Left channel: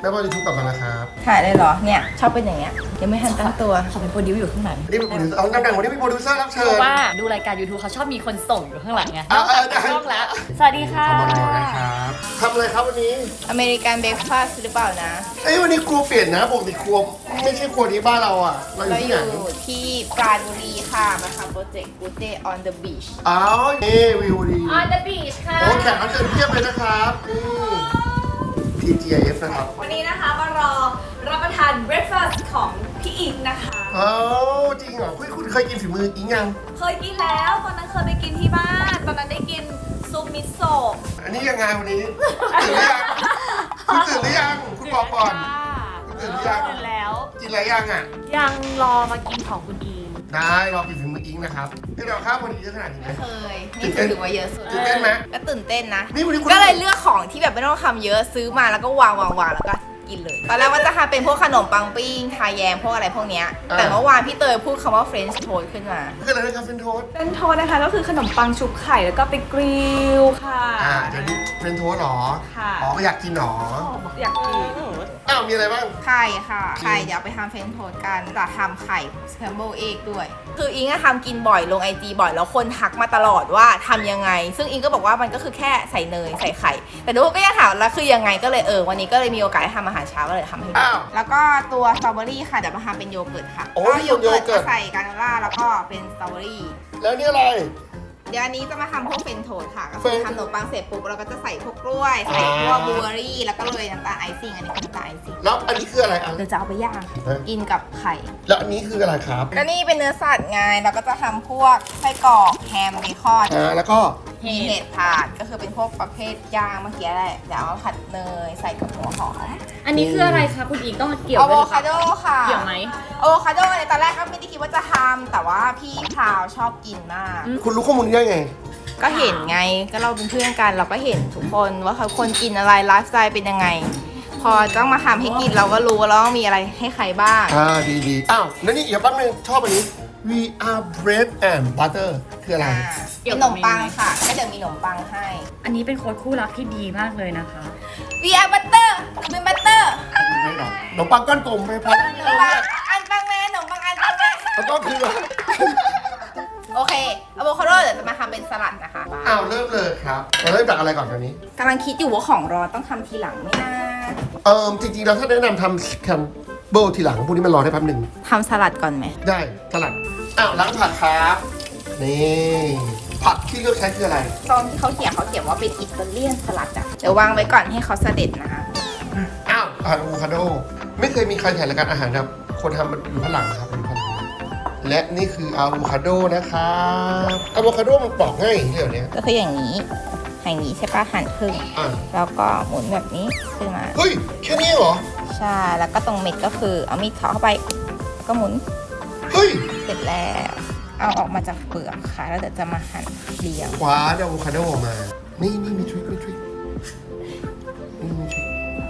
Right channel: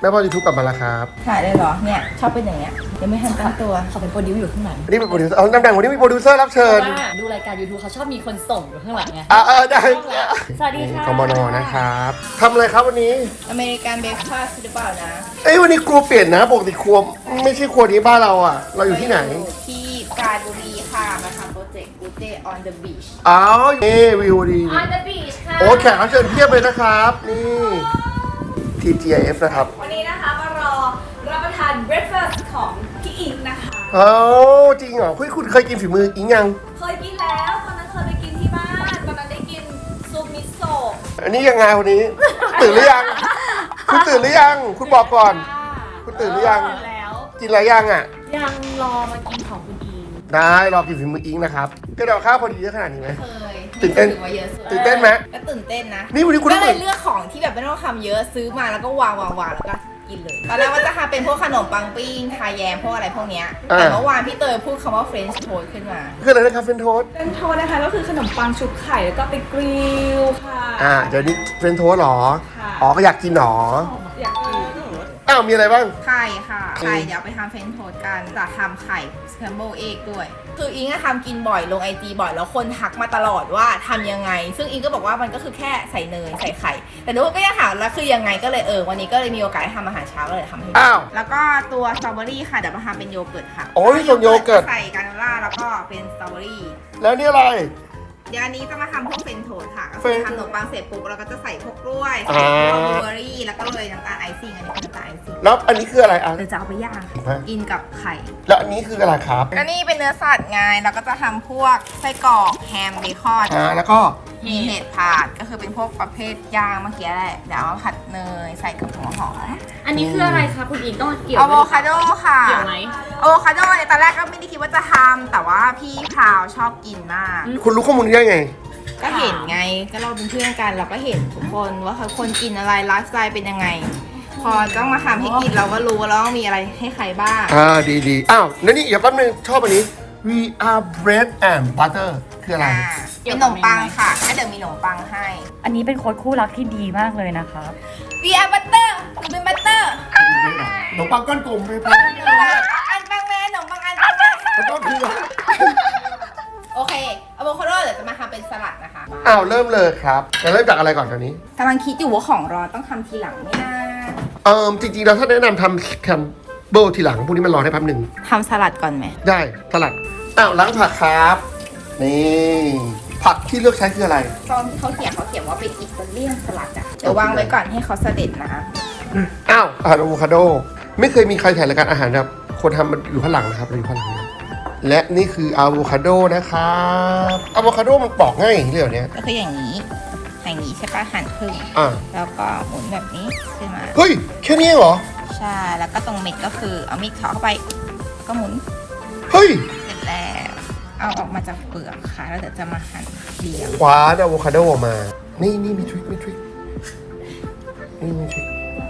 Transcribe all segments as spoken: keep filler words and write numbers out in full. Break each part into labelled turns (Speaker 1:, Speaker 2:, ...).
Speaker 1: ม่พอยูทูบกลับมาแล้วครับ
Speaker 2: ถ่ายเลยเหรอเนี่ยชอบเป็นอย่างเงี้ยยังไม่ทันตั้งตัว
Speaker 3: เขาเป็นโปรดิวอยู่ข้างหลัง
Speaker 1: นี่เป็นโปรดิวเซอร์เอาตำแหน่งวันนี้มีโปรดิวเซอร์รับ
Speaker 3: เพ
Speaker 1: เชิญ
Speaker 3: ราะว่าดูรายการ YouTube เขาชอบมีคนส่งอยู่ข้างหลังไง
Speaker 1: อ่าอ่าได้
Speaker 3: ต้องแล้วสวัสดีค่ะ
Speaker 1: คอมมานอนะครับทำอะไรครับวันนี้
Speaker 2: อเมริกันเบรคฟาสต์หรือเปล่านะ
Speaker 1: เอ้ยวันนี้ครัวเปลี่ยนนะปกติครัวไม่ใช่ครัวนี้บ้านเราอ่ะ เราอยู่ที่ไหน
Speaker 2: เราอยู่ที่ปราณบุรีค่ะมาทำโปรเจกต์ Good Day on the Beach
Speaker 1: อ้าวเอ้วิวดี
Speaker 3: On the beach ค่ะ
Speaker 1: โอ้แขกรับเชิญเพียบเลยนะครับนี่ พี จี ไอ เอฟ นะครับ
Speaker 4: วันนี้นะคะมารอรับประทานเบรคฟาสต์ของพี่อิงนะคะ
Speaker 1: เอ้าจริงเหรอคุณคุณเคยกินฝีมืออิงยัง
Speaker 4: เคยกินแล้วตอนนั้นเคยไปกินที่บ้านตอนนั้นได้กินซุปมิโซะ
Speaker 1: อันนี้ยังไงวันนี้ ตื่นหรือยัง คุณตื่นหรือยัง คุณบอกก่อน คุณตื่นหรือยัง
Speaker 3: ตื่นแล้ว
Speaker 1: กินอะไรยังอ่ะ
Speaker 3: ยังรอมากินของคุณอี
Speaker 1: ได้รอกินฝีมืออิงนะครับก็เดี๋ยวข้าวพอดีเยอะขนาดนี้ไหม
Speaker 2: เคย
Speaker 1: ตื่นเต้น
Speaker 2: ถือว่าเยอะสุด
Speaker 1: ตื่นเต้นไหม
Speaker 2: ก็ตื่นเต้นนะ
Speaker 1: นี่วันนี้คุณ
Speaker 2: ก็เลยเลือกของที่แบบไม่ต้องทำเยอะซื้อมาแล้วก็วางวางวางแล้วก็กินเลยตอนแรกว่าจะทำเป็นพวกขนมปังปิ้งทาแยมพวกอะไรพวกเนี้ยแต่เมื่อวานพี่เตยพูดคำว่าเฟรนช์โทสขึ้นมา
Speaker 1: คืออะไรนะครับเฟรนโทส
Speaker 4: เป็นโทษนะคะก็คือขนมปังชุบไข่แล้วก็ไปกริลค่ะ
Speaker 1: อ่าเดี๋ยวนี้เฟรนโทสหรอ
Speaker 4: ค่ะ
Speaker 1: อ๋อก็อยากกินหรอ
Speaker 4: อยากกิน
Speaker 1: อ้าวมีอะไรบ้าง
Speaker 2: ไข่ค่ะไข่เดี๋ยวไปทำเฟรนช์โทสกันจะทำไข่สแครมเบิลเอ็กด้วย คืออิงก็ทำกินบ่อยลงไอจีบ่อยแล้วคนทักมาตลอดว่าทำยังไง ซึ่งอิงก็บอกว่ามันก็คือแค่ใส่เนยใส่ไข่ แต่ทุกคนก็ยังถามแล้วคือยังไงก็เลยเออวันนี้ก็เลยมีโอกาสได้ทำอาหารเช้าก็เลยทำให้ดู
Speaker 1: อ้าว
Speaker 2: แล้วก็ตัวสตรอเบอรี่ค่ะเดี๋ยวมาทำเป็นโยเกิร์ตค่ะ
Speaker 1: โอ้ยส่วนโยเกิร์ต
Speaker 2: ใส่กานาล่าแล้วก็เป็นสตรอเบอรี่
Speaker 1: แล้วนี่อะไร
Speaker 2: เดี๋ยวอันนี้จะมาทำพวกเฟรนช์โทสค่ะ ก็คือ
Speaker 1: เฟรน
Speaker 2: ทำขนมปังเสร็จปุ๊บเราก็จะใส่พวกกล้วย ใส่พวกบลูเบอร์รี่ แล้วก็โรยน้ำตาลไอซิ่ง อันนี้คือน้ำตาลไอซิ่ง
Speaker 1: แล้วอันนี้คืออะไรอ่ะ
Speaker 2: เราจะเอาไปย่างค่ะ
Speaker 1: ฮะ
Speaker 2: กินกับไข่
Speaker 1: แล้วอันนี้คืออะไรครับ
Speaker 2: ก็นี่เป็นเนื้อสัตว์ไงแล้วก็จะทำพวกไส้กรอกแฮมเบคอน
Speaker 1: อ่าแล้วก็
Speaker 2: มีเห็ดถาดก็คือเป็นพวกประเภทย่างเมื่อกี้แหละ เดี๋ยวเอามาผัดเนยใส่กับหัวหอม
Speaker 3: อันนี้คืออะไรคะคุณอีต้องเกี่ยว
Speaker 2: อะ
Speaker 3: ด้
Speaker 2: โว
Speaker 3: วยหรือเป
Speaker 2: คา
Speaker 3: ล่า
Speaker 2: โดค่ะ
Speaker 3: เกี่ยวไหม
Speaker 2: อะโวคาโดเนี่ยตอนแรกก็ไม่ได้คิดว่าจะทำแต่ว่าพี่พาวชอบกินมาก
Speaker 1: คุณรู้ข้อมูลนี้ได้ไง
Speaker 2: ก็เห็นไงก็เราเป็นเพื่อนกันเราก็เห็นทุกคนว่าเขาคนกินอะไรไลฟ์สไตล์เป็นยังไง พอต้องมาทำให้กินเราก็รู้ว่าเราต้องมีอะไรให้ใครบ้าง
Speaker 1: อ่าดีดีอ้าวแล้วนี่เดี๋ยวแป๊บนึงชอบอันนี้ we are bread and butter คืออะไร
Speaker 2: อ่าเป็นขนมปังค่ะก็เดี๋ยวมีขนมปังให้
Speaker 3: อันนี้เป็นโค้ดคู่รักที่ดีมากเลยนะคะ
Speaker 2: วีอาร์บัตเตอร์หนูเป็นบัตเตอร์
Speaker 1: ไม่หรอกขนมปังก้อนกลมไม่พัก
Speaker 2: ขนมปังอันปังแม่ขนมปังอันปังแม่
Speaker 1: แล้วก็คือ
Speaker 2: โอเคอะโวคาโดเดี๋ยวจะมาทำเป็นสลัดนะคะ
Speaker 1: อ้าวเริ่มเลยครับจะเริ่มจากอะไรก่อนตอนนี้
Speaker 2: กำลังคิดอยู่ว่าของร้อนต้องทำทีหลังไหมนะ
Speaker 1: เอ่อจริงๆแล้วถ้าแนะนำทำแคมเบิลทีหลังพวกนี้มันรอได้แป๊บหนึ่ง
Speaker 2: ทำสลัดก่อนไหม
Speaker 1: ได้สลัดอ้าวล้างผักครับ นี่ผักที่เลือกใช้คืออะไร
Speaker 2: ตอนที่เขาเขียนเขาเขียนว่าเป็นอิตาเลียนสลัดอะเดี๋ยววางไว้ก่อนให้เขาเสด็จนะ
Speaker 1: อ้าวอะโวคาโด ไม่เคยมีใครถ่ายรายการอาหารแบบคนทำมันอยู่ข้างหลังนะครับอยู่ข้างหลังและนี่คืออะโวคาโดนะครับอะโวคาโดมันปอกง่ายอย่างนี้เลยเหรอเนี่ย
Speaker 2: ก็คืออย่างนี้อย่างนี้ใช่ปะหั่นครึ่ง
Speaker 1: อ่ะ
Speaker 2: แล้วก็หมุนแบบนี้ขึ้นมา
Speaker 1: เฮ้ยแค่นี้เหรอ
Speaker 2: ใช่แล้วก็ตรงเม็ดก็คือเอามีดเฉาะเข้าไปแล้วก็หมุน
Speaker 1: เฮ้ย
Speaker 2: เสร็จแล้วเอาออกมาจากเปลือกค่ะแล้วเดี๋ยวจะมาหั่นเรียง
Speaker 1: คว้าอะโวคาโดออกมา นี่นี่มีทริคมีทริคนี่มีทริค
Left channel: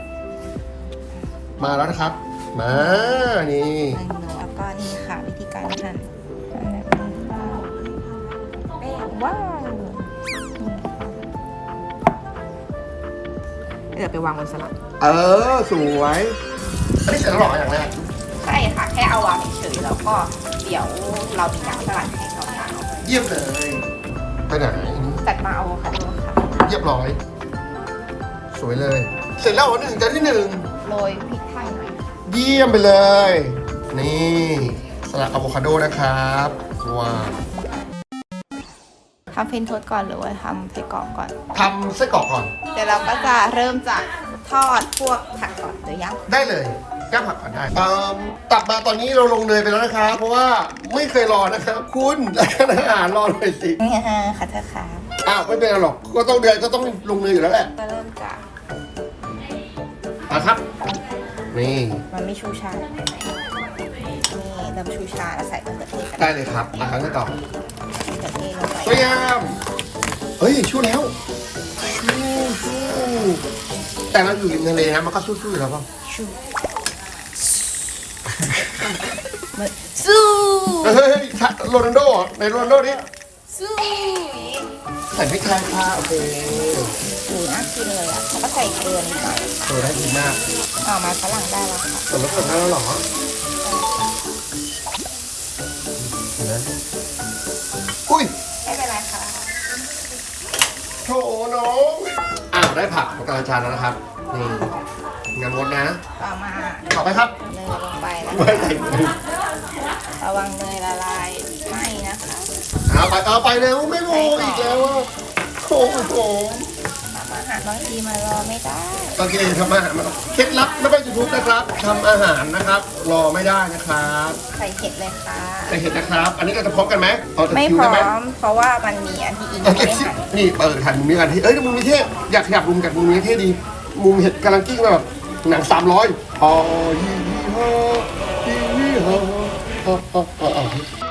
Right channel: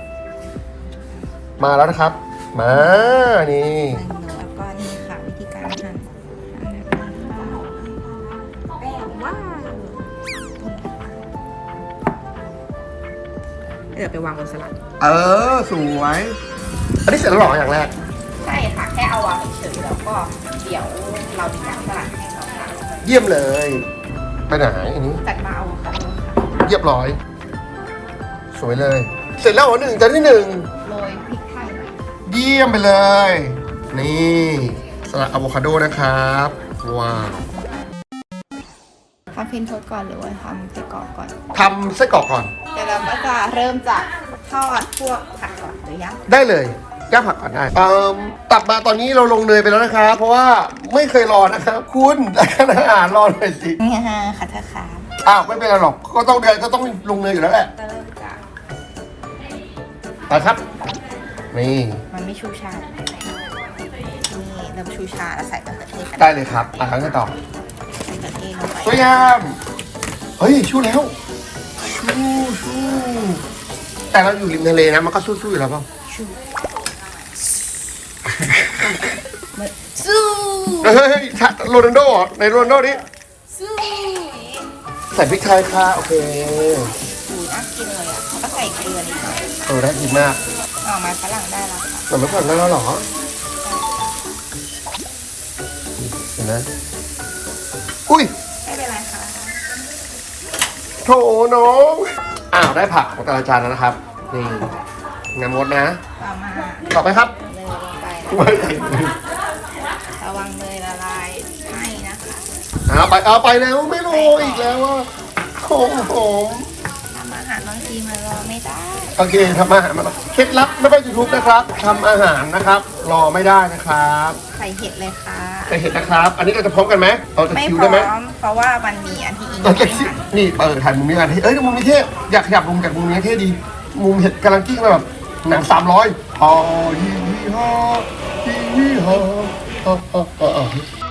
Speaker 1: มาแล้วนะครับ มา นี่
Speaker 2: แล้วก็นี่ค่ะวิธีการหั่นนะคะแป้งว่างเดี๋ยวไปวางบนสลัด
Speaker 1: เออ สวย อันนี้เสร็จแล้วเหรออย่างแรก
Speaker 2: ใช่ค่ะ แค่เอาวางเฉยๆแล้วก็เดี๋ยวเรามีน้ำสลัดให้เขาค่ะ
Speaker 1: เยี่ยมเลย ไปไหนอันนี้
Speaker 2: จัดมาเอาค่ะ
Speaker 1: เรียบร้อย สวยเลย เสร็จแล้วเหรอหนึ่งจานที่หนึ่ง
Speaker 2: โรยพริกไทยหน่อย
Speaker 1: เยี่ยมไปเลย นี่สลัดอะโวคาโดนะครับว้าว
Speaker 2: ทำเฟรนช์โทสต์ก่อนหรือว่าทำไส้กรอกก่อน
Speaker 1: ทำไส้กรอกก่อน
Speaker 2: เดี๋ยวเราก็จะเริ่มจากทอดพวกผักก่อนหรือยัง
Speaker 1: ได้เลยย่างผักก่อนได้เอิ่มตัดมาตอนนี้เราลงเนยไปแล้วนะครับ เพราะว่าไม่เคยรอนะครับ คุณรายการอาหารรอหน่อยสิ
Speaker 2: นี่ฮะค่ะเธอค่ะ
Speaker 1: อ้าว ไม่เป็นไรหรอก ก็ต้องเดือนก็ต้องลงเนยอยู่แล้วแหละ
Speaker 2: จะเริ่มจาก
Speaker 1: ไปครับ นี่
Speaker 2: มันไม่ชูชานี่เริ่มชูชาแล้วใส่มะเขือเทศกัน
Speaker 1: ได้เลยครับอ่ะครั้งต่อ
Speaker 2: มะเขือเทศลง
Speaker 1: พ
Speaker 2: ไป
Speaker 1: ยายามเฮ้ย ชู้แล้ว ชู้ชู้แต่เราอยู่ริมทะเลนะ มันก็สู้ๆอยู่แล้วเปล่า
Speaker 2: ชูมันสู้
Speaker 1: เฮ้ยโรนัลโดเหรอในโรนัลโดนี่
Speaker 2: สู้
Speaker 1: ใส่พริกไทยค่ะ โอเค
Speaker 2: หมูน่ากินเลยอ่ะแล้วก็ใส่เกลือนิดหน่อย
Speaker 1: เออได้ดีมาก
Speaker 2: ออกมาฝรั่งได้แล้ว
Speaker 1: แต่ไม่ผ่านได้แล้วเหรอเห็นไหมอุ้ย
Speaker 2: ไม่เป็นไรค่ะ
Speaker 1: โถน้องอ้าวได้ผักของอาจารย์แล้วนะครับนี่งานมดนะ
Speaker 2: ต่อมา
Speaker 1: ต่อไปครับ
Speaker 2: เนยลงไปนะ
Speaker 1: ไม่
Speaker 2: ระวังเนยละลายไหม้นะคะ
Speaker 1: เอาไปเอาไปแล้วไม่รู้อีกแล้วว่าโอ้โห
Speaker 2: ทำอาหารบางทีมารอไม่ได้
Speaker 1: โอเคทำอาหารมาเคล็ดลับไม่ไปยูทูบนะครับทำอาหารนะครับ รอไม่ได้นะครับ
Speaker 2: ใส่เห็ดเลยค่ะ
Speaker 1: ใส่เห็ดนะครับ อันนี้เราจะพร้อมกันไหมเราจะ
Speaker 2: ไม่
Speaker 1: คิว
Speaker 2: พร้
Speaker 1: ได้ไหม
Speaker 2: อมเพราะว่ามันมีอันที่อิง
Speaker 1: เรา
Speaker 2: ไม่
Speaker 1: จะ
Speaker 2: ได้
Speaker 1: คิว
Speaker 2: หั่น
Speaker 1: นี่เออถ่ายมุมนี้กันที่เอ้ยมุมนี้เท่อยากขยับมุมจากมุมนี้เท่ดีมุมเห็ดกำลังกิ้งแบบหนังสามร้อยฮอฮีฮีฮอฮีฮีฮอฮอฮอฮอฮอ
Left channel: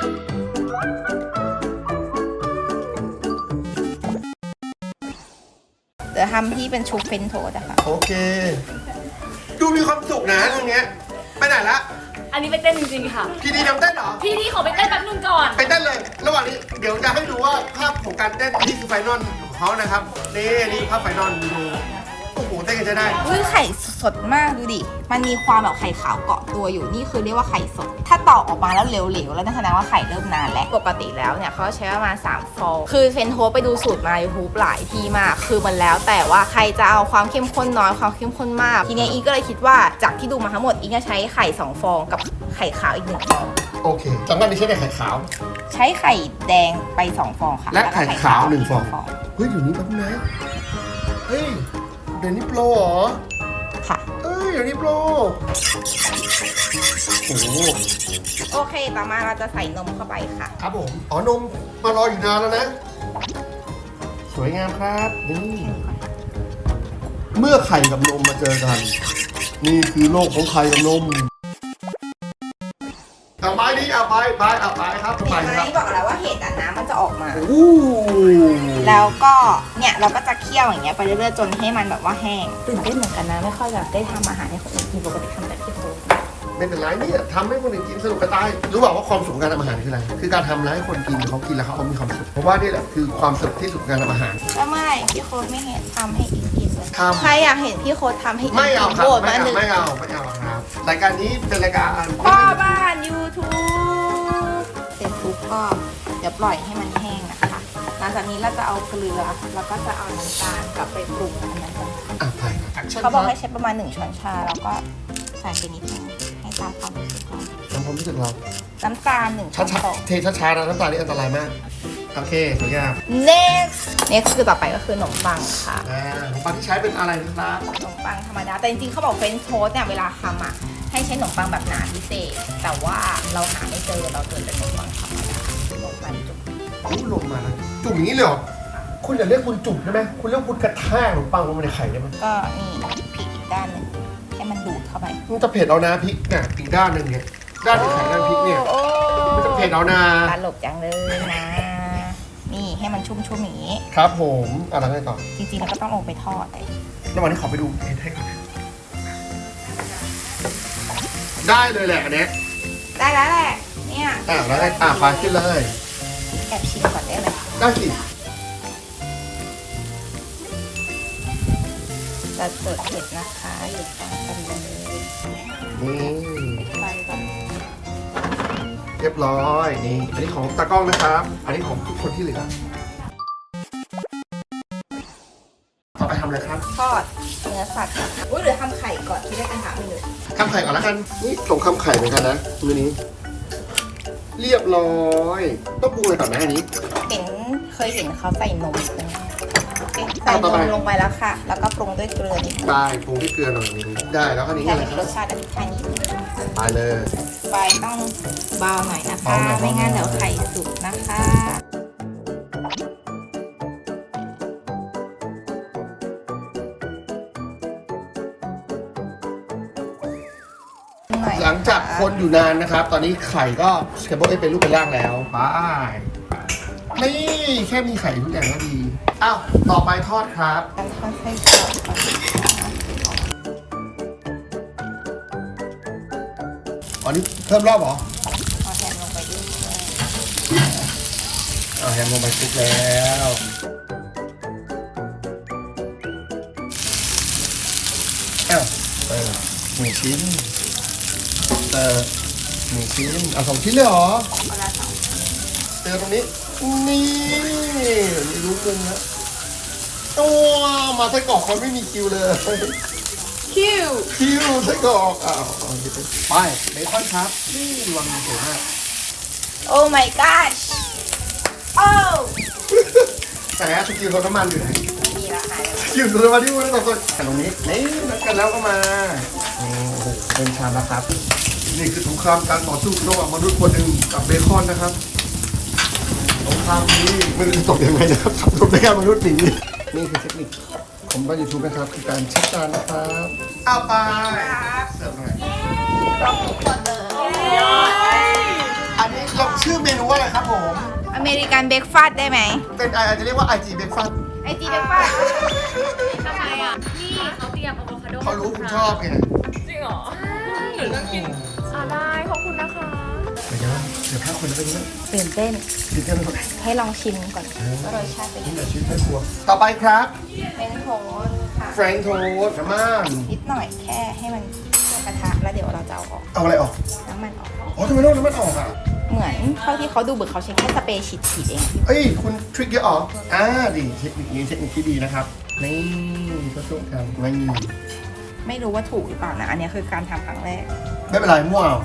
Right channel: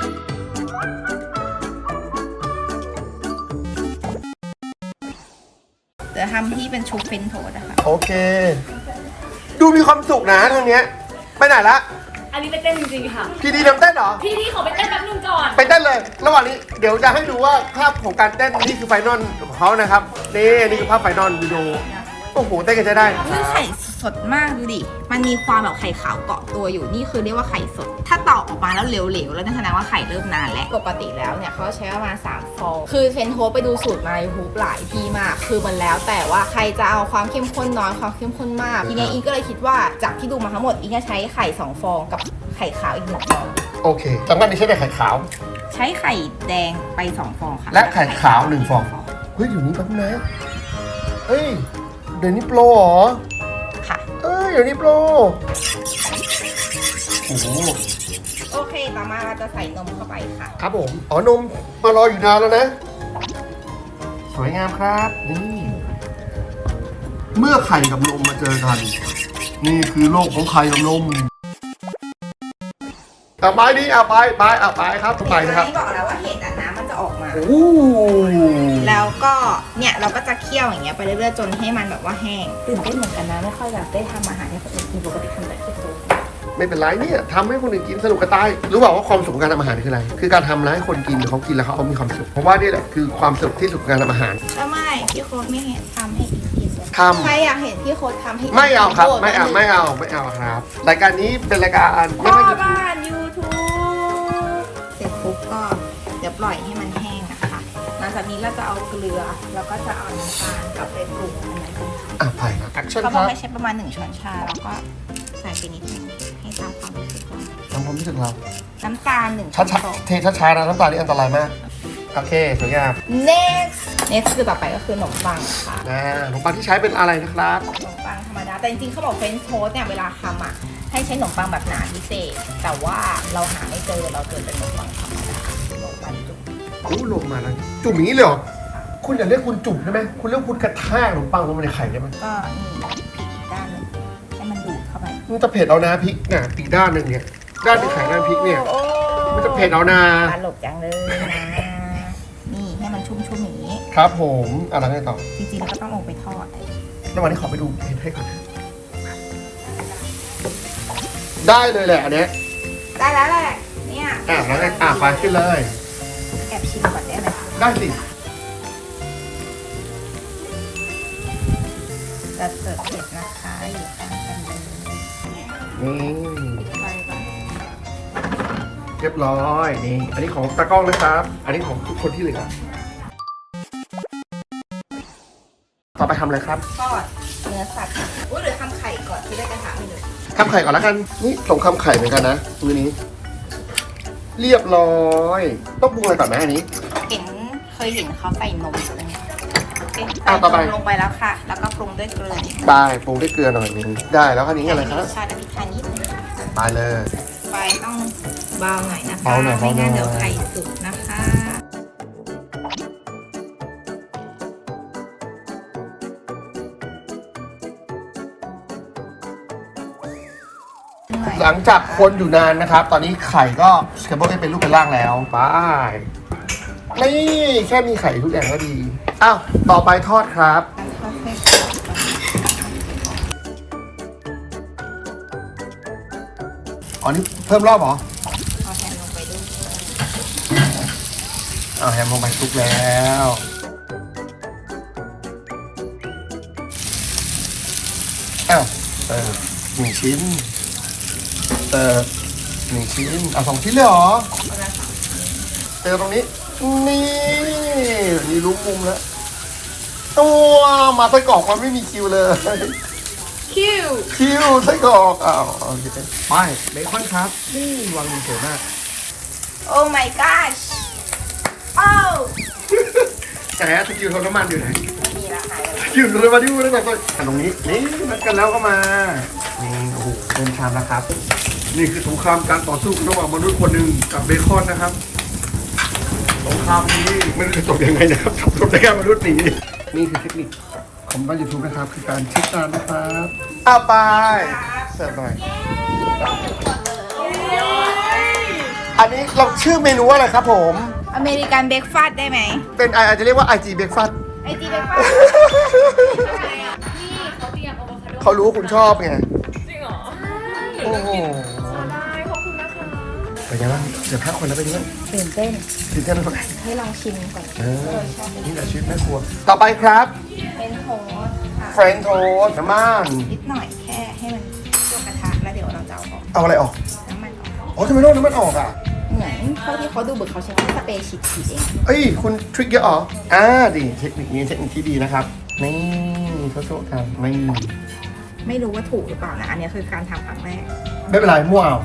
Speaker 2: เดี๋ยวทำที่เป็นชุบเฟรนช์โทสต์นะคะ
Speaker 1: โอเค ดูมีความสุขนะทางเนี้ยไปไหนละ
Speaker 3: อันนี้ไปเต้นจริงๆค่ะ
Speaker 1: พี่ดีทำเต้นเหรอ
Speaker 3: พี่ที่ขอไปเต้นแป๊บนึงก่อน
Speaker 1: ไปเต้นเลย ระหว่างนี้เดี๋ยวจะให้ดูว่าภาพของการเต้นนี่คือไฟนอลของเขานะครับ นี่นี่คือภาพไฟนอลวิดีโอโอ้โหเต้นกันจะได้
Speaker 2: อุ้ยไข่สดมากดูดิ มันมีความแบบไข่ขาวเกาะตัวอยู่ นี่คือเรียกว่าไข่สด ถ้าตอกออกมาแล้วเหลวๆ แล้วนั่นแสดงว่าไข่เริ่มนานแล้ว ปกติแล้วเนี่ยเขาใช้ประมาณสามฟอง คือเฟรนช์โทสต์ไปดูสูตรมาในยูทูบหลายทีมาก คือมันแล้วแต่ว่าใครจะเอาความเข้มข้นน้อยความเข้มข้นมาก ทีเนี้ยอีก็เลยคิดว่าจากที่ดูมาทั้งหมดอีก็ใช้ไข่สองฟองกับไข่ขาวอีกหนึ่งฟอง
Speaker 1: โอเคสำคัญที่ใช้เป็นไข่ขาว
Speaker 2: ใช้ไข่แดงไปสองฟองค่ะ
Speaker 1: และไข่ขาวหนึ่งฟอง เฮ้ยเดี๋ยวนี้แป๊บนึงนะเฮ้ยเดี๋ยวนี้โปรเหรอ
Speaker 2: ค่ะ
Speaker 1: เอ้ยเดี๋ยวนี้โปรโอ้โห
Speaker 2: โอเค ต่อมาเราจะใส่นมเข้าไปค่ะ
Speaker 1: ครับผมอ๋อนมมารออยู่นานแล้วนะ สวยงามครับนี่เมื่อไข่กับนมมาเจอกัน นี่คือโลกของไข่กับนมต่อไปนี่เอาไปไปเอาไปครับไปนะครับ
Speaker 2: ที่บอกแล้วว่าเห็ดอ่ะน้ำมันจะออกมา
Speaker 1: โอ้
Speaker 2: แล้วก็เนี่ยเราก็จะเคี่ยวอย่างเงี้ยไปเรื่อยๆจนให้มันแบบว่าแห้งตื่นเต้นเหมือนกันนะไม่ค่อยแบบได้ทำอาหารให้คนอื่นกินปกติทำแต่ที่โต๊ะ
Speaker 1: ไม่เป็นไรเนี่ยทำให้คนอื่นกินสนุกกระตายรู้เปล่าว่าความสุขของการทำอาหารคืออะไร คือการทำแล้วให้คนกินเขากินแล้วเขาเอามีความสุขเพราะว่านี่แหละคือความสุขที่สุดของการทำอาหาร
Speaker 2: ไม่ไม่พี่โค้ดไม่เห็นทำให้อิงกินเลย
Speaker 1: ทำ
Speaker 2: ใครอยากเห็นพี่โค้ดทำให้ง
Speaker 1: ไม่เอาครับ
Speaker 2: โหวต
Speaker 1: ไม่เอา
Speaker 2: หนึ่ง
Speaker 1: ไม่เอาไม่เอาครับรายการนี้เป็นรายการ
Speaker 2: พ่อบ้าน YouTube เสร็จปุ๊บก็เดี๋ยวปล่อยให้มันแห้งนะคะหลังจากนี้เราจะเอาเกลือแล้วก็จะเอาน้ำตาลกับไปปรุงอันนั้นกัน
Speaker 1: อ่ะไปครับแอคชั่น
Speaker 2: เขา
Speaker 1: ค
Speaker 2: บอ
Speaker 1: รั
Speaker 2: ก
Speaker 1: บ
Speaker 2: ให้ใช้ประมาณหนึ่งช้อนชาแล้วก็ใส่ไปนิดนึงให้ตามความรู้สึกก่อน
Speaker 1: ทำความรู้สึกเรา
Speaker 2: น้ำตาลหนึ่งช้
Speaker 1: ช้า
Speaker 2: อน
Speaker 1: ช้า
Speaker 2: โต๊ะ
Speaker 1: เทช้าช้าๆนะน้ำตาลนี่อันตรายมากโอเคสวยงาม
Speaker 2: next next คือต่อไปก็คือขนมปังค่ะ
Speaker 1: นะขนมปังที่ใช้เป็นอะไรนะครับ
Speaker 2: ขนมปังธรรมดา แต่จริงๆเขาบอกเฟรนช์โทสต์เนี่ยเวลาทำอ่ะให้ใช้ขนมปังแบบหนาพิเศษ แต่ว่าเราหาไม่เจอเราเจอแต่ขนมปังธรรมดาขนมปังจุก
Speaker 1: โอ้ลงมาแล้วจุ่มอย่างนี้เลยเหรอคุณอย่าเรียกคุณจุ่มได้ไหมคุณเรียกคุณกระแทกขนมปังลงไปในไข่ได้ไหม
Speaker 2: ก็นี่พลิกอีกด้านหนึงให้มันดูดเข้าไป
Speaker 1: มันจะเผ็ดเอานะพริกเนี่ยอีกด้านหนึ่งเนี่ยด้านที่ไข่ด้านพริกเนี่ย
Speaker 2: โอ้
Speaker 1: มันจะเผ็ดเอานะ
Speaker 2: ตลกจังเลยนะ นี่ให้มันชุ่มๆอย่างนี้
Speaker 1: ครับผมอะไรกันต่อ
Speaker 2: จริงๆเราก็ต้องลงไปทอดเลย
Speaker 1: ระหว่างนี้ขอไปดูเผ็ดให้ก่อนได้เลยแหละอันเนี้ย
Speaker 2: ได้แล้วแหละ เนี่ย
Speaker 1: อ่ะแล้วไงอ่ะไปขึ้นเลย
Speaker 2: แอบชิมก่อนได้ไหมคะ
Speaker 1: ได้สิ
Speaker 2: จะเสิร์ฟเผ็ดนะคะอยู่กันกันเลย
Speaker 1: นี่
Speaker 2: ไปก่อน
Speaker 1: เรียบร้อยนี่อันนี้ของตากล้องนะครับ อันนี้ของทุกคนที่เหลือต่อไปทำอะไรครับ
Speaker 2: ทอดเนื้อสัตว์อุ้ยเดี๋ยวทำไข่ก่อนที่ได้กระทะไปเลย
Speaker 1: ทำไข่ก่อนแล้วกันนี่ส่งคำไข่เหมือนกันนะมือนี้ เรียบร้อยต้องปรุงอะไรก่อนไหมอันนี้
Speaker 2: เห็นเคยเห็นเขาใส่นมใช่ไหม
Speaker 1: อ่ะต่อไป
Speaker 2: ใส่นมลงไปแล้วค่ะ แล้วก็ปรุงด้วยเกลือนิดนึง
Speaker 1: ได้ปรุงด้วยเกลือหน่อยนึงได้แล้วคันนี้อะไรค
Speaker 2: ร
Speaker 1: รับ
Speaker 2: สชาติอันนี้ทานนิดนึง
Speaker 1: มาเลย
Speaker 2: ไฟต้องเบาหน่อยนะคะ
Speaker 1: เบาหน่อย
Speaker 2: ไม่งั้น
Speaker 1: เบาหน่อย
Speaker 2: เดี๋ยวไข่สุกนะคะหน่อย
Speaker 1: หลังจากคนอยู่นานนะครับ ตอนนี้ไข่ก็แคมเบอร์เป็นรูปเป็นร่างแล้วไปนี่แค่มีไข่ทุกอย่างก็ดีอ้าวต่อไปทอดครับ
Speaker 2: กันทอดให้กรอบก่อน
Speaker 1: อ๋อนี่เพิ่มรอบเหรอ
Speaker 2: เอาแฮมลงไปด้วย
Speaker 1: เอาแฮมลงไปคลุกแล้วอ้าวเออนึ่งชิ้นเติมหนึ่งชิ้นเอาสองชิ้นเลยเหรอเติมตรงนี้นี่มีรูปมุมแล้วตัวมาไส้กรอกมันไม่มีคิวเลย
Speaker 2: คิว
Speaker 1: คิวไส้กรอกอ้าวโอเคไปเบคอนครับนี่วางสวยมาก
Speaker 2: โอ้ my gosh โอ้
Speaker 1: ไหนอะสกิลรถน้ำมันอยู่ไหน
Speaker 2: มีราคาแล้ว
Speaker 1: สกิลรถน้ำมันที่พูดได้ก่อนตรงนี้นี่นัดกันแล้วก็มานี่โอ้โหเป็นชามแล้วครับ นี่คือสงครามการต่อสู้ระหว่างมนุษย์คนหนึ่งกับเบคอนนะครับสงครามนี้ไม่รู้จะจบยังไงนะครับจบได้แค่มนุษย์หนีนี่คือเทคนิคผมก็ยูทูบนะครับคือการเช็คจานนะครับอ้าวไปเสิร์ฟหน่อย
Speaker 2: ต้องทุกคนเลย
Speaker 1: อันนี้เราชื่อเมนูว่าอะไรครับผม
Speaker 2: อเมริกันเบรกฟาสต์ได้ไหม
Speaker 1: เป็นอาจจะเรียกว่า ไอ จี Breakfast
Speaker 2: ไอจีเบรกฟาสต์
Speaker 3: นี่เขาเตรียมอะโวคาโด
Speaker 1: เขารู้ว่าคุณชอบไง
Speaker 3: จริงเหรอ
Speaker 1: โอ้โห
Speaker 3: อ่าได้ขอบคุณนะคะ
Speaker 1: เป็นไงบ้างเดี๋ยวห้าคนแล้วเป็นยังไง
Speaker 2: ตื่นเต้น
Speaker 1: คิดกันนะครับ
Speaker 2: ให้ลองชิมก่อน
Speaker 1: เออ
Speaker 2: ว่ารสชาติเป็น
Speaker 1: นี่
Speaker 2: ยัง
Speaker 1: แห
Speaker 2: ไง
Speaker 1: ละชีวิตแม่ครัว ต่อไปครับ
Speaker 2: เป็นโทสต์ค่ะ
Speaker 1: เฟรนช์โทสต์น้ำมัน
Speaker 2: นิดหน่อยแค่ให้มันเข้ากระทะแล้วเดี๋ยวเราจะเอาออก
Speaker 1: เอาอะไรออก
Speaker 2: น้ำมันออก
Speaker 1: อ๋อทำไมต้องน้ำมันออกอ่ะ
Speaker 2: เหมือนเท่าที่เขาดูเหมือนเขาใช้แค่สเปรย์ฉีดๆเอง
Speaker 1: เอ้ยคุณทริคเยอะเหรออ่าดีเทคนิคนี้เทคนิคที่ดีนะครับ นี่ทดสอบกันไม่
Speaker 2: ไม่รู้ว่าถูกหรือเปล่านะ อันนี้คือการทำครั้งแรก
Speaker 1: ไม่เป็นไรมั่วเอา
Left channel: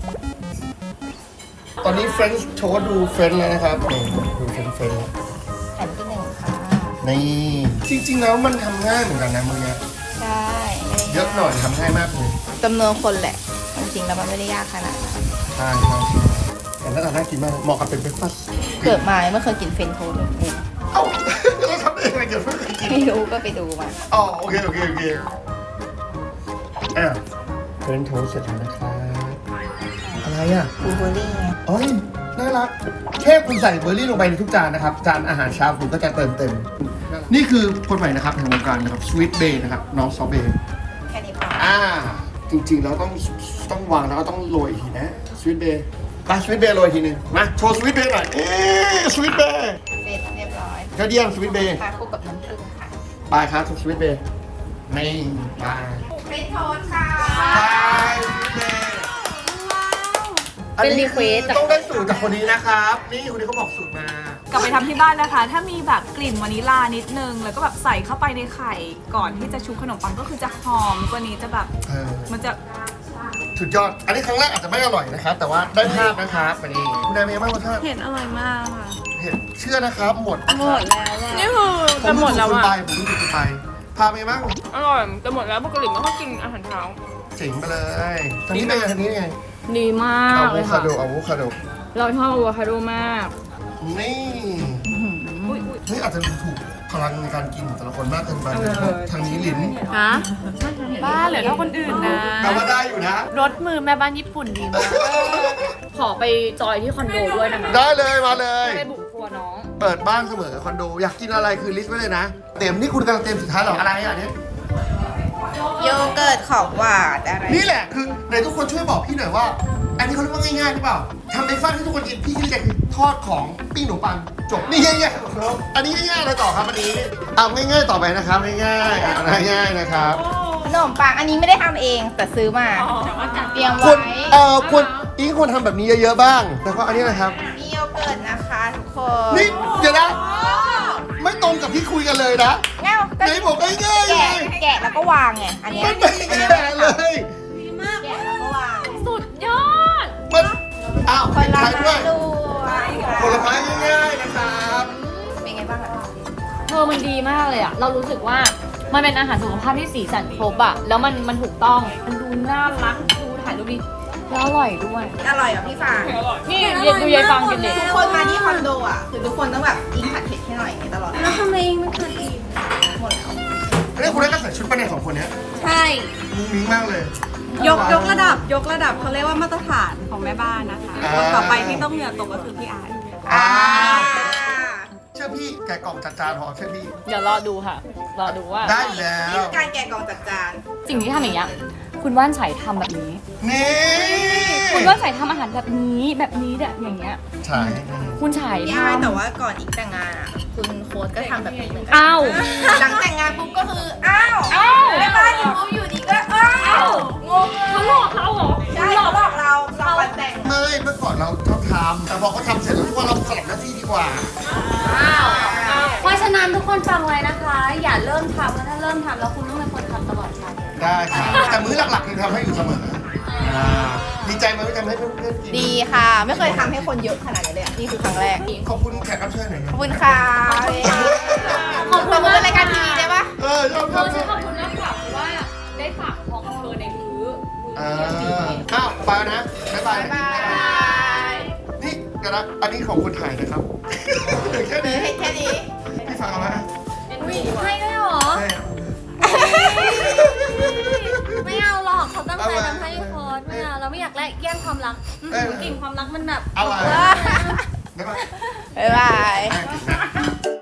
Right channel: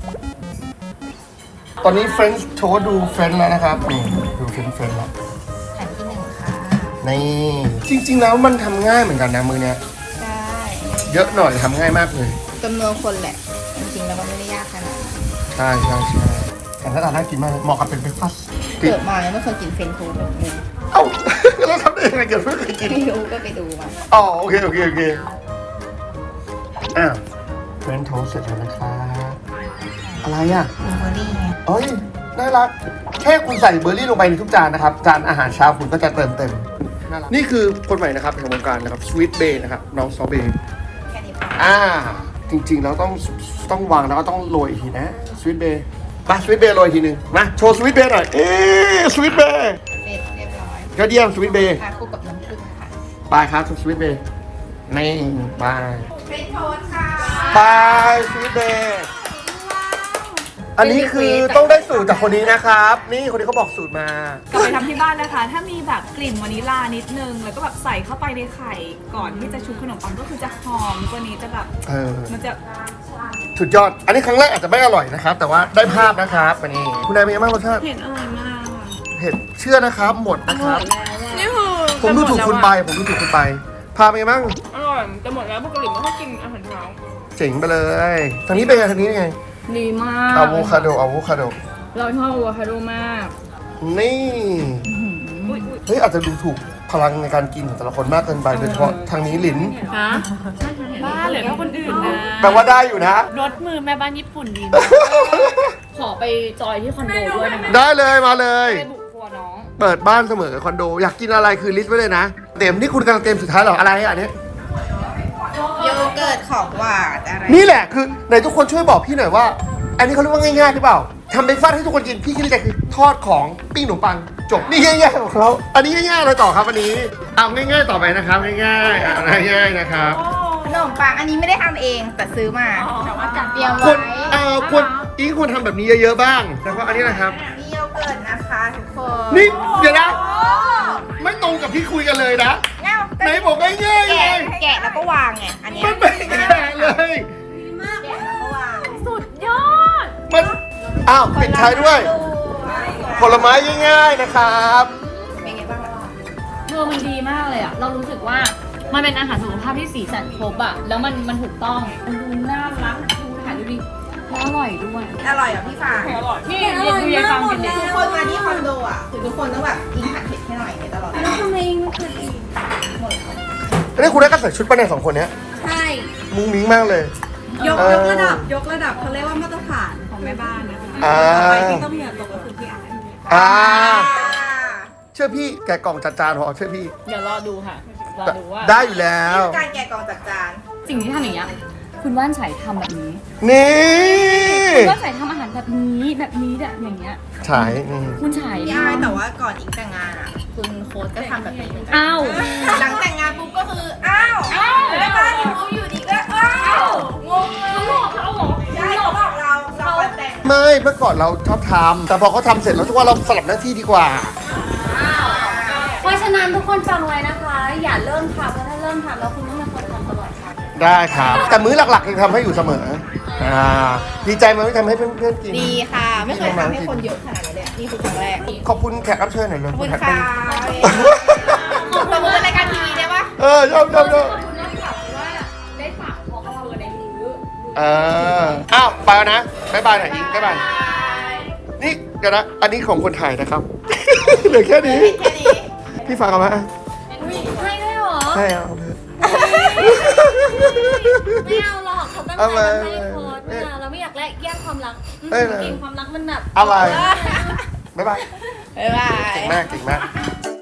Speaker 1: ตอนนี้เฟรนช์โทสต์ดูเฟรนช์แล้วนะครับนี่ดูเฟรนช์เฟรนช์แล้ว
Speaker 2: แผ่นที่หนึ่งค่ะ
Speaker 1: นี่จริงๆแล้วมันทำง่ายเหมือนกันนะมือเนี้ย
Speaker 2: ใช่
Speaker 1: เยอะหน่อยทำง่ายมากเลย
Speaker 2: จำนวนคนแหละ จริงๆแล้วมันไม่ได้ยากขนาดนั้น
Speaker 1: ใช่ใช่ใช่แต่หน้าตาน่ากินมากเหมาะกับเป็นเบรคฟาสต์
Speaker 2: เกิดมาไม่เคยกินเฟรนช์โทสต์เลย
Speaker 1: เอ้าเราทำได้ยังไงเกิดเพิ่งเคยกิน
Speaker 2: ไม่รู้ก็ไปดูมา
Speaker 1: อ๋อโอเคโอเคโอเคอ่ะเฟรนช์โทสต์เสร็จแล้วนะครับอะไรอ่ะ
Speaker 2: บลูเบอร์รี่ไง
Speaker 1: อ๋อน่ารักแค่คุณใส่เบอร์รี่ลงไปในทุกจานนะครับ จานอาหารเช้าคุณก็จะเติมเต็ม นี่คือคนใหม่นะครับในวงการนะครับสวีทเบย์นะครับน้องซอเบย์
Speaker 2: แค่นี้พอ
Speaker 1: อ่าจริงๆเราต้องต้องวางแล้วก็ต้องโรยอีกทีนะสวีทเบย์มาสวีทเบย์โรยอีกทีหนึงมาโชว์สวีทเบย์หน่อยเอ๊สวีทเบย์
Speaker 2: เสร็จเรียบร้อย
Speaker 1: ก็เยี่ยมสวีทเบย์
Speaker 2: ทานคู่กับน้ำผึ้งค่ะ
Speaker 1: ไปครับสวีทเบย์นี่ไป
Speaker 2: เฟรนช์โทสต์ค่ะ
Speaker 1: ไปสวีทเบย์อันนี้คือต้องได้สูตรจากคนนี้นะครับ นี่คนนี้เขาบอกสูตรมา
Speaker 4: กลับไปทำที่บ้านนะคะ ถ้ามีแบบกลิ่นวานิลลานิดนึง แล้วก็แบบใส่เข้าไปในไข่ก่อนที่จะชุบขนมปังก็คือจะหอมกว่านี้จะแบบ
Speaker 1: เออ
Speaker 4: มันจะ
Speaker 1: สุดยอด อันนี้ครั้งแรกอาจจะไม่อร่อยนะครับ แต่ว่าได้ภาพนะครับวันนี้คุณนายเป็นยังไงบ้างรสชาติ
Speaker 4: เห็นอร่อยมากค่ะ
Speaker 1: เห็ดเชื่อนะครับ หมดนะครับ
Speaker 4: นี่คือ
Speaker 1: ผมดูถูกคุณไป ผมดูถูกคุณไป พาไปนไงบ้าง
Speaker 3: อร่อยแต่หมดแล้วปกติไม่ค่อยกินอาหารเช้า
Speaker 1: เจ๋งไปเลยทางนี้เป็นไงทางนี้เป็นไง
Speaker 3: ดีมาก
Speaker 1: อะโวคาโดอะโวคาโด
Speaker 3: เราชอบอะโวคาโดมาก
Speaker 1: นี่ เฮ้ยอาจจะดูถูกพลังในการกินของแต่ละคนมากเกินไปโดยเฉพาะทางนี้หลิน
Speaker 3: ฮะ
Speaker 4: บ้าเหลือเท่าคนอื่นนะ
Speaker 1: แปลว่าได้อยู่นะ
Speaker 4: รสมือแม่บ้านญี่ปุ่นดีมาก
Speaker 3: ขอไปจอยที่คอนโดด้วยนะคะ
Speaker 1: ได้เลยมาเลย
Speaker 3: ไปบุกครัวน้อง
Speaker 1: เปิดบ้านเสมอคอนโด อยากกินอะไรคือลิสต์ไว้เลยนะ เต็มนี่คุณกำลังเต็มสุดท้ายเหรอ อะไรอ่ะเนี่ย
Speaker 2: โยเกิร์ตของหวานอะไร
Speaker 1: นี่แหละคือไหนทุกคนช่วยบอกพี่หน่อยว่า อันนี้เขาเรียกว่าง่ายๆหรือเปล่าทำเบรกฟาสต์ให้ทุกคนกินพี่คิดในใจคือทอดของปิ้งขนมปังจบนี่ง่ายๆของเขาอันนี้ง่ายๆอะไรต่อครับอันนี้เอาง่ายๆต่อไปนะครับง่ายๆอ่ะง่ายๆนะครับ
Speaker 2: ขนมปังอันนี้ไม่ได้ทำเองแต่ซื้อมาเตรียม
Speaker 1: คว
Speaker 2: ไว้
Speaker 1: รเอ่อควรอีกควรทำแบบนี้เยอะๆบ้างแล้วก็อันนี้นะครับ
Speaker 2: มีโยเกิร์ตนะคะทุกคน
Speaker 1: นี่เดี๋ยวนะ
Speaker 2: โอ้
Speaker 1: ไม่ตรงกับที่คุยกันเลยนะ
Speaker 2: เง่า
Speaker 1: ไหนบอกง่ายๆไง
Speaker 2: แกะแกะแล้วก็วางไงอันนี้
Speaker 1: มันไม่แก่เลย
Speaker 2: แกะแล้วก็วาง
Speaker 4: สุดยอด
Speaker 1: มันอ้าว
Speaker 2: ผ
Speaker 1: ปิด
Speaker 2: ล
Speaker 1: ท้าย
Speaker 2: ไม้
Speaker 1: ด้วย
Speaker 2: ด้วย
Speaker 1: ผลไม้ง่ายๆนะครับ
Speaker 2: เป็นไงบ้างอะ
Speaker 3: เธอมันดีมากเลยอะเรารู้สึกว่ามันเป็นอาหารสุขภาพที่สีสันครบอะแล้วมันมันถูกต้อง มันดูน่ารัก ดูถ่ายรูปดีแล้วอร่อยด้วย
Speaker 2: อร่อยเหรอพี่ฟาง
Speaker 3: นี่เรียนดูยายฟังกินเด็ก
Speaker 2: ทุกคนมาที่คอนโดอ่ะคือทุกคนต้องแบบอิงผัดเผ็ดให้หน่อยในตลอดแล้วทำไมไม่เคยอิงหมดแล้ว
Speaker 1: อันนี้คุณได้ก็ใส่ชุดป้าแนสองคนเนี้ย
Speaker 4: ใช่
Speaker 1: มุ้งมิ้งมากเลย
Speaker 4: ยก
Speaker 1: เออ
Speaker 4: ยกระดับยกระดับเขาเรียกว่ามาตรฐานของแม่บ้านนะคะ
Speaker 1: อ่า
Speaker 4: ต่อไปที่ต้องเหงื่อตกก็คือพี่อาร์ต
Speaker 1: อ่าเชื่อพี่แกะกล่องจัดจานพอเชื่อพี่
Speaker 3: เดี๋ยวรอดูค่ะ รอดูว่า
Speaker 1: ได้อยู่แล้ว
Speaker 2: นี่คือการแกะกล่องจัดจาน
Speaker 3: สิ่งที่ทำอย่างเงี้ยคุณว่านไฉทำแบบนี้
Speaker 1: นี่
Speaker 3: คุณว่านไฉทำอาหารแบบนี้แบบนี้แบบอย่างเงี้ย
Speaker 1: ฉายนี่
Speaker 3: คุณไฉ
Speaker 2: พี่
Speaker 3: ท
Speaker 2: อายแต่ว่าก่อนอิงแต่งงานอ่ะคุณโค้ดก็ทำแบบนี้เหมือนกั
Speaker 3: ำอ้าว
Speaker 2: หลังแต่งงานปุ๊บก็คืออ้าวแม่บ้านอยู่ปุ๊บอยู่ดีก็อ้าวงงเลย
Speaker 3: เขาหลอกเราเหรอ
Speaker 2: ใช่เขาบอกเราเราวันแต่ง
Speaker 1: ไม่เมื่อก่อนเราชอบทำแต่พอเขาทำเสร็จแล้วทุกว่าเราสลับหน้าที่ดีกว่า
Speaker 5: เพราะฉะนั้นทุกคนฟังไว้นะคะ อย่าเริ่มทำเพราะถ้าเริ่มทำแล้วคุณต้องเป็นคนทำตลอดไป
Speaker 1: ได้ครับแต่มื้อหลักๆยังทำให้อยู่เสมออ่าดีใจไหมที่ทำให้เพื่อนๆกิน
Speaker 2: ดีค่ะ ไม่เคยทำให้คนเยอะขนาดนี้เลยอะนี่คือครั้งแรก
Speaker 1: ขอบคุณแขกรับเชิญหน่อยเลย
Speaker 2: ขอบคุณค่ะตบมือเป็นรายการทีวีได้ปะ
Speaker 1: เออชอบชอบชอบ
Speaker 3: ขอบคุณมากค่ะว่าได้ฝากของเธอในมือ
Speaker 1: เอออ้าวไปแล้วนะบ๊ายบายหน่อยดิบ๊ายบายนี่เดี๋ยวนะอันนี้ของคนถ่ายนะครับ เหลือแค่นี้
Speaker 2: แค่นี้
Speaker 1: พี่ฟังเอาไหม
Speaker 5: ให้ด้วยเหรอ
Speaker 1: ใช่เอา
Speaker 5: ไม่เอาหรอกเขาตั้งใจ
Speaker 1: เอามา
Speaker 5: ทำให้โพสต์ไม่เอาเราไม่อยากแลกแย่งความรักอืม
Speaker 1: เอ้ย
Speaker 5: กลิ่นความรักมันแบบ
Speaker 1: อะไรบ๊ายบาย
Speaker 2: บ๊ายบาย
Speaker 1: แม่เก่งมาก